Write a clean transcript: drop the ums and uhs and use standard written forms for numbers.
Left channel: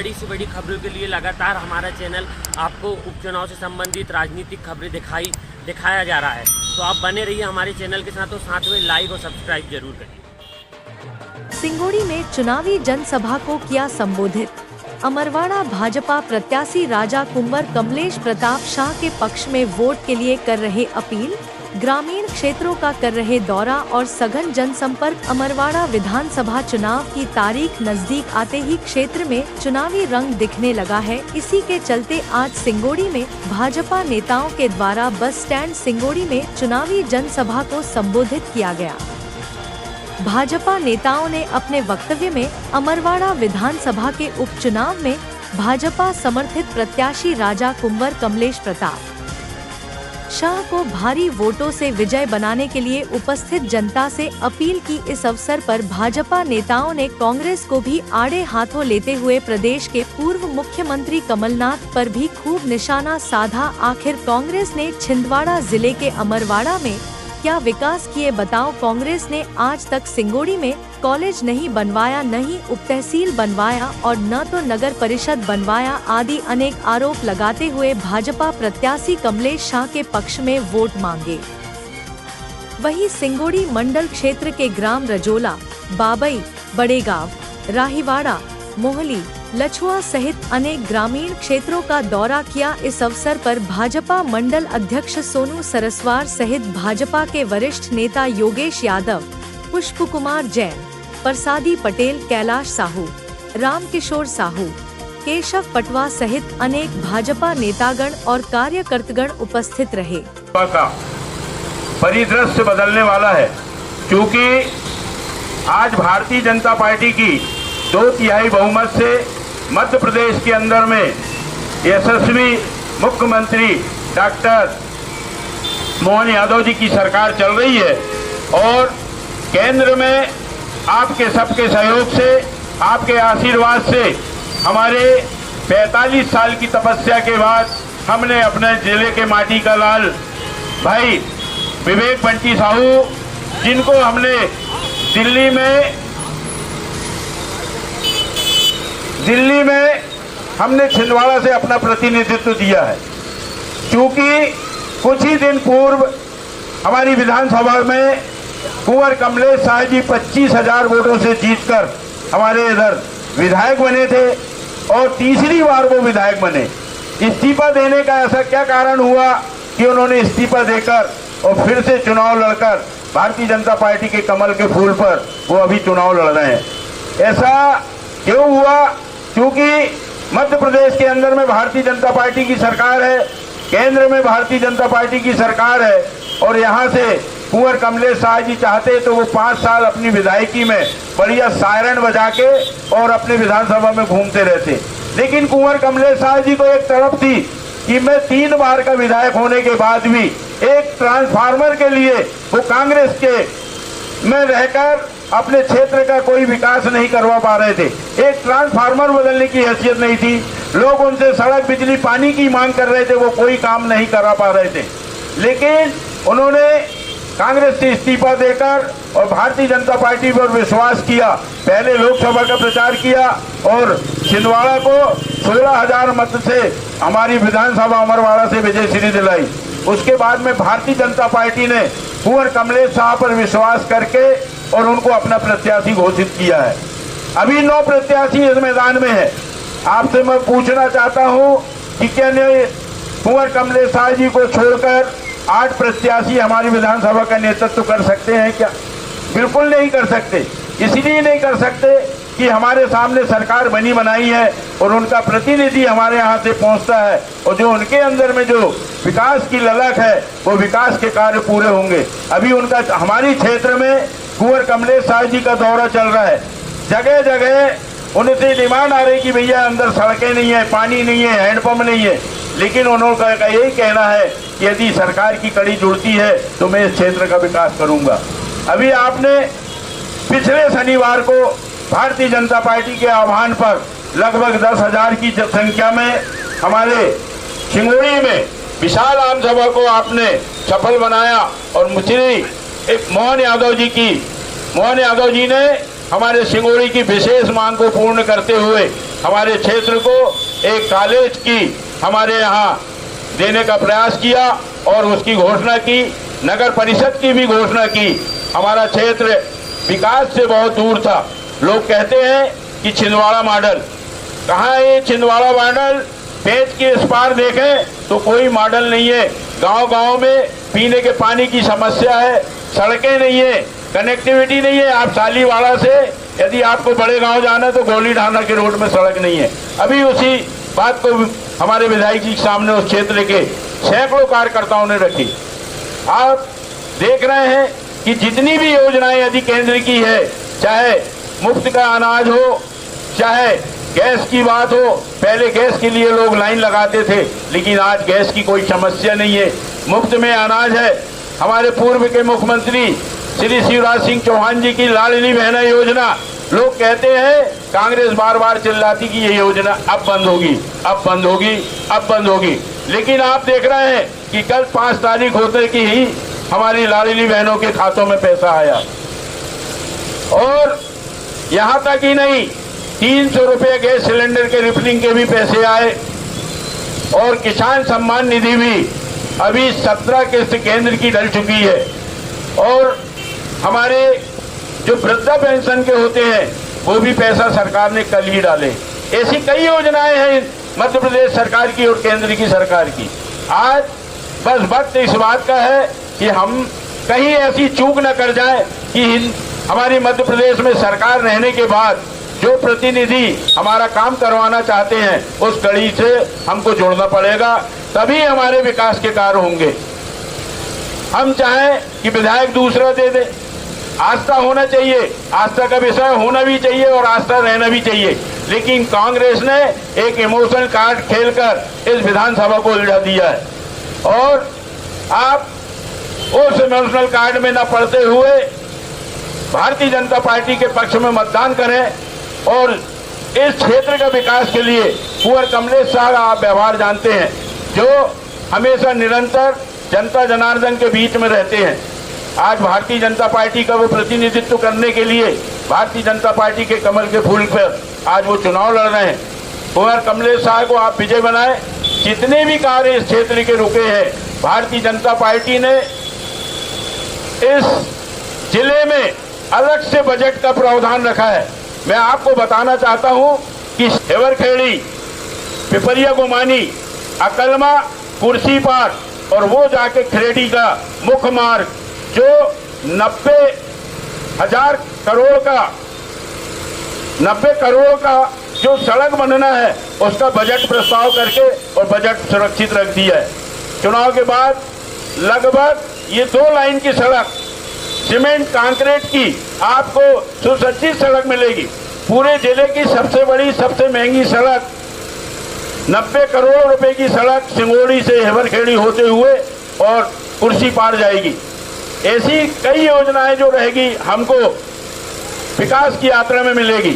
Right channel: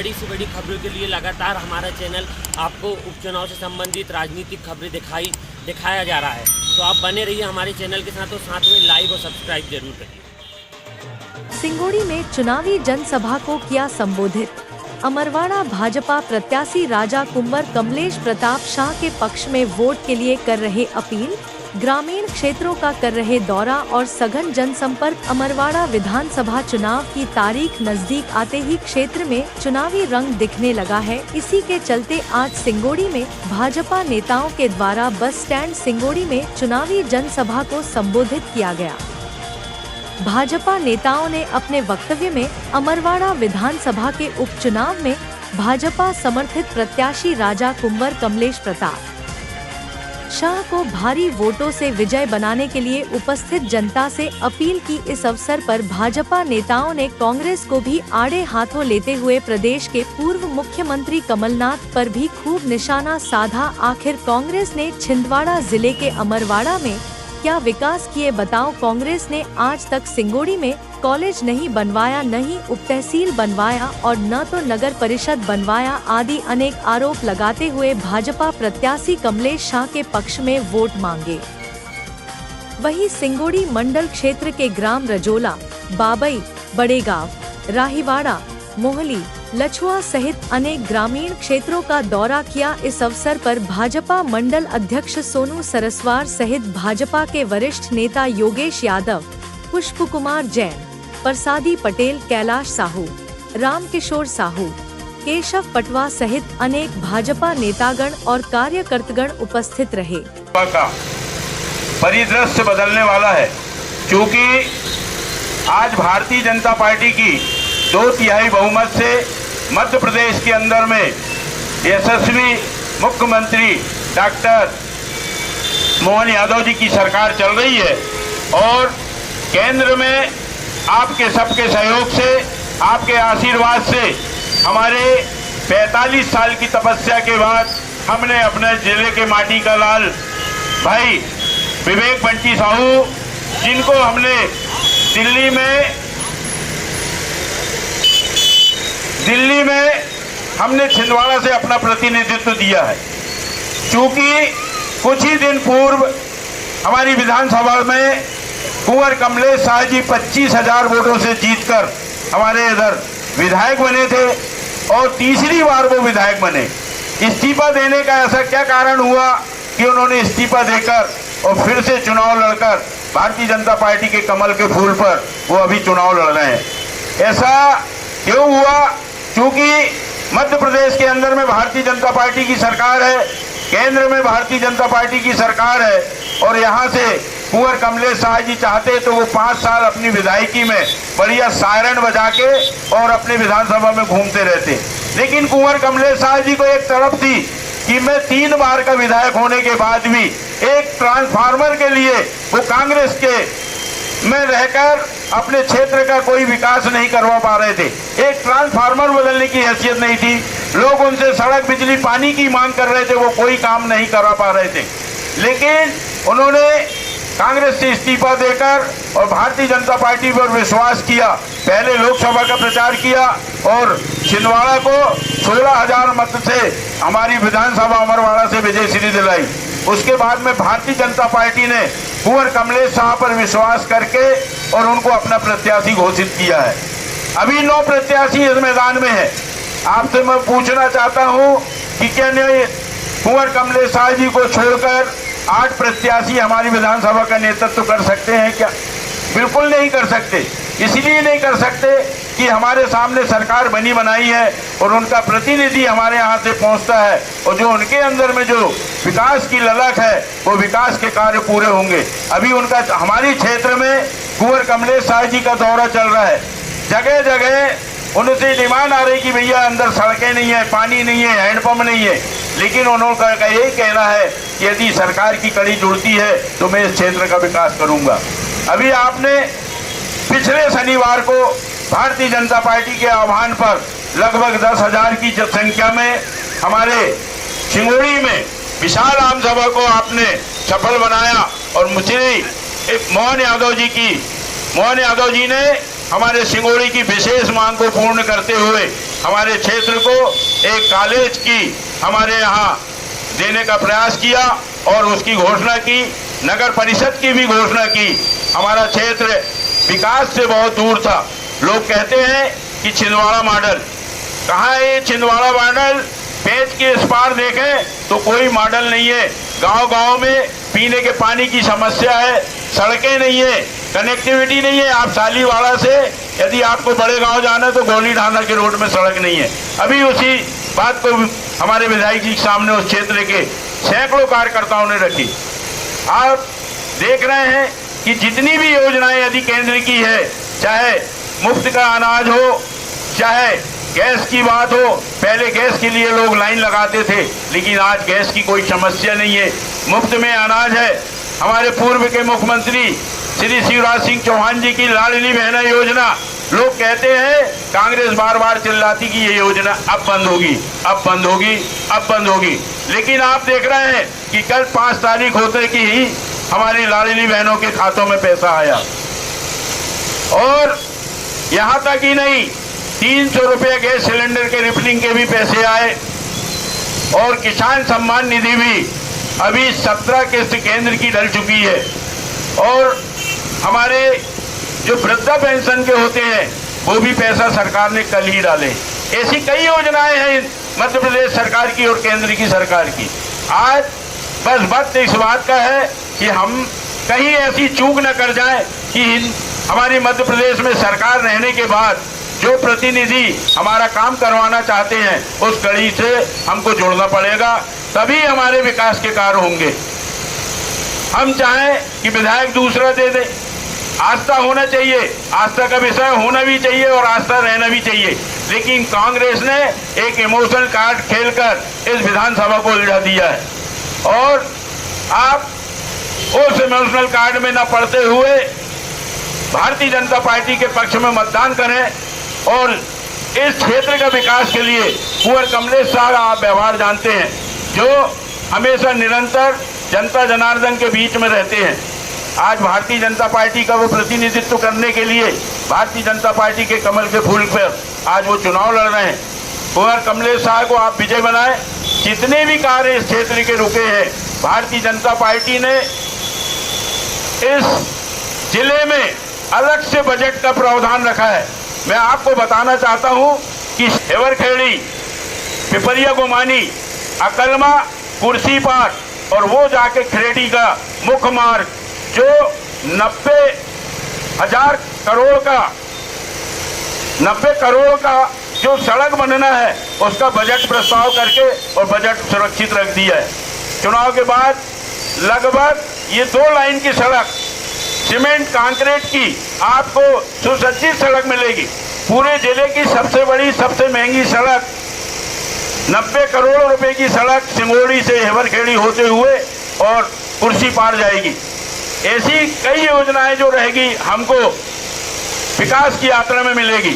बड़ी से बड़ी खबरों के लिए लगातार हमारा चैनल आपको उपचुनाव से संबंधित राजनीतिक खबरें दिखाया जा रहा है। तो आप बने रहिए हमारे चैनल के साथ और साथ में लाइक और सब्सक्राइब जरूर करिए। सिंगोड़ी में चुनावी जनसभा को किया संबोधित। अमरवाड़ा भाजपा प्रत्याशी राजा कुंवर कमलेश प्रताप शाह के पक्ष में वोट के लिए कर रहे अपील। ग्रामीण क्षेत्रों का कर रहे दौरा और सघन जनसंपर्क। अमरवाड़ा विधानसभा चुनाव की तारीख नजदीक आते ही क्षेत्र में चुनावी रंग दिखने लगा है। इसी के चलते आज सिंगोड़ी में भाजपा नेताओं के द्वारा बस स्टैंड सिंगोड़ी में चुनावी जनसभा को संबोधित किया गया। भाजपा नेताओं ने अपने वक्तव्य में अमरवाड़ा विधानसभा के उपचुनाव में भाजपा समर्थित प्रत्याशी राजा कुंवर कमलेश प्रताप शाह को भारी वोटों से विजय बनाने के लिए उपस्थित जनता से अपील की। इस अवसर पर भाजपा नेताओं ने कांग्रेस को भी आड़े हाथों लेते हुए प्रदेश के पूर्व मुख्यमंत्री कमलनाथ पर भी खूब निशाना साधा। आखिर कांग्रेस ने छिंदवाड़ा जिले के अमरवाड़ा में क्या विकास किए बताओ। कांग्रेस ने आज तक सिंगोड़ी में कॉलेज नहीं बनवाया, न ही उप तहसील बनवाया और न तो नगर परिषद बनवाया आदि अनेक आरोप लगाते हुए भाजपा प्रत्याशी कमलेश शाह के पक्ष में वोट मांगे। वहीं सिंगोड़ी मंडल क्षेत्र के ग्राम रजोला, बाबई, बड़ेगांव, राहीवाड़ा, मोहली, लछुआ सहित अनेक ग्रामीण क्षेत्रों का दौरा किया। इस अवसर पर भाजपा मंडल अध्यक्ष सोनू सरस्वार सहित भाजपा के वरिष्ठ नेता योगेश यादव, पुष्प कुमार जैन, प्रसादी पटेल, कैलाश साहू, रामकिशोर साहू, केशव पटवा सहित अनेक भाजपा नेतागण और कार्यकर्तागण उपस्थित रहे। परिदृश्य बदलने वाला है, क्योंकि आज भारतीय जनता पार्टी की 2/3 बहुमत से मध्य प्रदेश के अंदर में यशस्वी मुख्यमंत्री डॉक्टर मोहन यादव जी की सरकार चल रही है और केंद्र में आपके सबके सहयोग से, आपके आशीर्वाद से हमारे 45 साल की तपस्या के बाद हमने अपने जिले के माटी का लाल भाई विवेक बंटी साहू, जिनको हमने दिल्ली में हमने छिंदवाड़ा से अपना प्रतिनिधित्व दिया है। क्योंकि कुछ ही दिन पूर्व हमारी विधानसभा में कुंवर कमलेश शाह जी 25,000 वोटों से जीतकर हमारे इधर विधायक बने थे और तीसरी बार वो विधायक बने। इस्तीफा देने का ऐसा क्या कारण हुआ कि उन्होंने इस्तीफा देकर और फिर से चुनाव लड़कर भारतीय जनता पार्टी के कमल के फूल पर वो अभी चुनाव लड़ रहे हैं। ऐसा क्यों हुआ? क्योंकि मध्य प्रदेश के अंदर में भारतीय जनता पार्टी की सरकार है, केंद्र में भारतीय जनता पार्टी की सरकार है और यहाँ से कुंवर कमलेश शाह जी चाहते तो वो 5 साल अपनी विधायकी में बढ़िया सायरन बजा के और अपने विधानसभा में घूमते रहते। लेकिन कुंवर कमलेश शाह जी को एक तड़प थी कि मैं 3 बार का विधायक होने के बाद भी एक ट्रांसफार्मर के लिए वो कांग्रेस के में रहकर अपने क्षेत्र का कोई विकास नहीं करवा पा रहे थे। एक ट्रांसफार्मर बदलने की हैसियत नहीं थी। लोग उनसे सड़क, बिजली, पानी की मांग कर रहे थे, वो कोई काम नहीं करा पा रहे थे। लेकिन उन्होंने कांग्रेस से इस्तीफा देकर और भारतीय जनता पार्टी पर विश्वास किया। पहले लोकसभा का प्रचार किया और छिंदवाड़ा को 16,000 मत से हमारी विधानसभा अमरवाड़ा से विजयश्री दिलाई। उसके बाद में भारतीय जनता पार्टी ने कुंवर कमलेश शाह पर विश्वास करके और उनको अपना प्रत्याशी घोषित किया है। अभी 9 प्रत्याशी इस मैदान में है। आपसे मैं पूछना चाहता हूं कि क्या कुंवर कमलेश शाह जी को छोड़कर 8 प्रत्याशी हमारी विधानसभा का नेतृत्व कर सकते हैं क्या? बिल्कुल नहीं कर सकते। इसलिए नहीं कर सकते कि हमारे सामने सरकार बनी बनाई है और उनका प्रतिनिधि हमारे यहाँ से पहुँचता है और जो उनके अंदर में जो विकास की ललक है वो विकास के कार्य पूरे होंगे। अभी उनका हमारी क्षेत्र में कुंवर कमलेश शाह जी का दौरा चल रहा है। जगह जगह उनसे डिमांड आ रही कि भैया अंदर सड़कें नहीं है, पानी नहीं है, हैंडपंप नहीं है। लेकिन उन्होंने यही कहना है कि यदि सरकार की कड़ी जुड़ती है तो मैं इस क्षेत्र का विकास करूंगा। अभी आपने पिछले शनिवार को भारतीय जनता पार्टी के आह्वान पर लगभग 10,000 की जनसंख्या में हमारे सिंगोड़ी में विशाल आम सभा को आपने सफल बनाया और मोहन यादव जी ने हमारे सिंगोड़ी की विशेष मांग को पूर्ण करते हुए हमारे क्षेत्र को एक कॉलेज की हमारे यहाँ देने का प्रयास किया और उसकी घोषणा की, नगर परिषद की भी घोषणा की। हमारा क्षेत्र विकास से बहुत दूर था। लोग कहते हैं कि छिंदवाड़ा मॉडल, कहाँ है ये छिंदवाड़ा मॉडल? पेज के इस पार देखें तो कोई मॉडल नहीं है। गांव-गांव में पीने के पानी की समस्या है, सड़कें नहीं है, कनेक्टिविटी नहीं है। आप सालीवाड़ा से यदि आपको बड़े गांव जाना है तो गोली ढाना के रोड में सड़क नहीं है। अभी उसी बात को हमारे विधायक जी के सामने उस क्षेत्र के सैकड़ों कार्यकर्ताओं ने रखी। आप देख रहे हैं कि जितनी भी योजनाएं यदि केंद्र की है, चाहे मुफ्त का अनाज हो, चाहे गैस की बात हो, पहले गैस के लिए लोग लाइन लगाते थे, लेकिन आज गैस की कोई समस्या नहीं है, मुफ्त में अनाज है। हमारे पूर्व के मुख्यमंत्री श्री शिवराज सिंह चौहान जी की लाडली बहना योजना, लोग कहते हैं, कांग्रेस बार बार चिल्लाती कि ये योजना अब बंद होगी, अब बंद होगी, अब बंद होगी, लेकिन आप देख रहे हैं कि कल 5 तारीख होते की ही हमारी लाडली बहनों के खातों में पैसा आया। और यहां तक ही नहीं, 300 रुपये गैस सिलेंडर के रिफिलिंग के भी पैसे आए। और किसान सम्मान निधि भी अभी 17 किस्त केंद्र की डल चुकी है। और हमारे जो वृद्धा पेंशन के होते हैं वो भी पैसा सरकार ने कल ही डाले। ऐसी कई योजनाएं हैं मध्य प्रदेश सरकार की और केंद्र की सरकार की। आज बस वक्त इस बात का है कि हम कहीं ऐसी चूक न कर जाएं कि हमारी मध्य प्रदेश में सरकार रहने के बाद जो प्रतिनिधि हमारा काम करवाना चाहते हैं उस कड़ी से हमको जुड़ना पड़ेगा, तभी हमारे विकास के कार्य होंगे। हम चाहें कि विधायक दूसरा दे दे, आस्था होना चाहिए, आस्था का विषय होना भी चाहिए और आस्था रहना भी चाहिए, लेकिन कांग्रेस ने एक इमोशनल कार्ड खेलकर इस विधानसभा को उलझा दिया है। और आप उस इमोशनल कार्ड में न पड़ते हुए भारतीय जनता पार्टी के पक्ष में मतदान करें और इस क्षेत्र का विकास के लिए कुंवर कमलेश साहब आप व्यवहार जानते हैं, जो हमेशा निरंतर जनता जनार्दन के बीच में रहते हैं। आज भारतीय जनता पार्टी का वो प्रतिनिधित्व करने के लिए भारतीय जनता पार्टी के कमल के फूल पर आज वो चुनाव लड़ रहे हैं। कुंवर कमलेश साहब को आप विजय बनाएं। जितने भी कार्य इस क्षेत्र के रुके हैं, भारतीय जनता पार्टी ने इस जिले में अलग से बजट का प्रावधान रखा है। मैं आपको बताना चाहता हूं कि हेवरखेड़ी, पिपरिया गुमानी, अकलमा, कुर्सीपाट और वो जाके खरेड़ी का मुख्य मार्ग जो 90,000 करोड़ का जो सड़क बनना है उसका बजट प्रस्ताव करके और बजट सुरक्षित रख दिया है। चुनाव के बाद लगभग ये 2 लाइन की सड़क सीमेंट कंक्रीट की आपको सुसज्जित सड़क मिलेगी। पूरे जिले की सबसे बड़ी सबसे महंगी सड़क 90 करोड़ रुपए की सड़क सिंगोड़ी से हेवरखेड़ी होते हुए और कुर्सी पार जाएगी। ऐसी कई योजनाएं जो रहेगी हमको विकास की यात्रा में मिलेगी।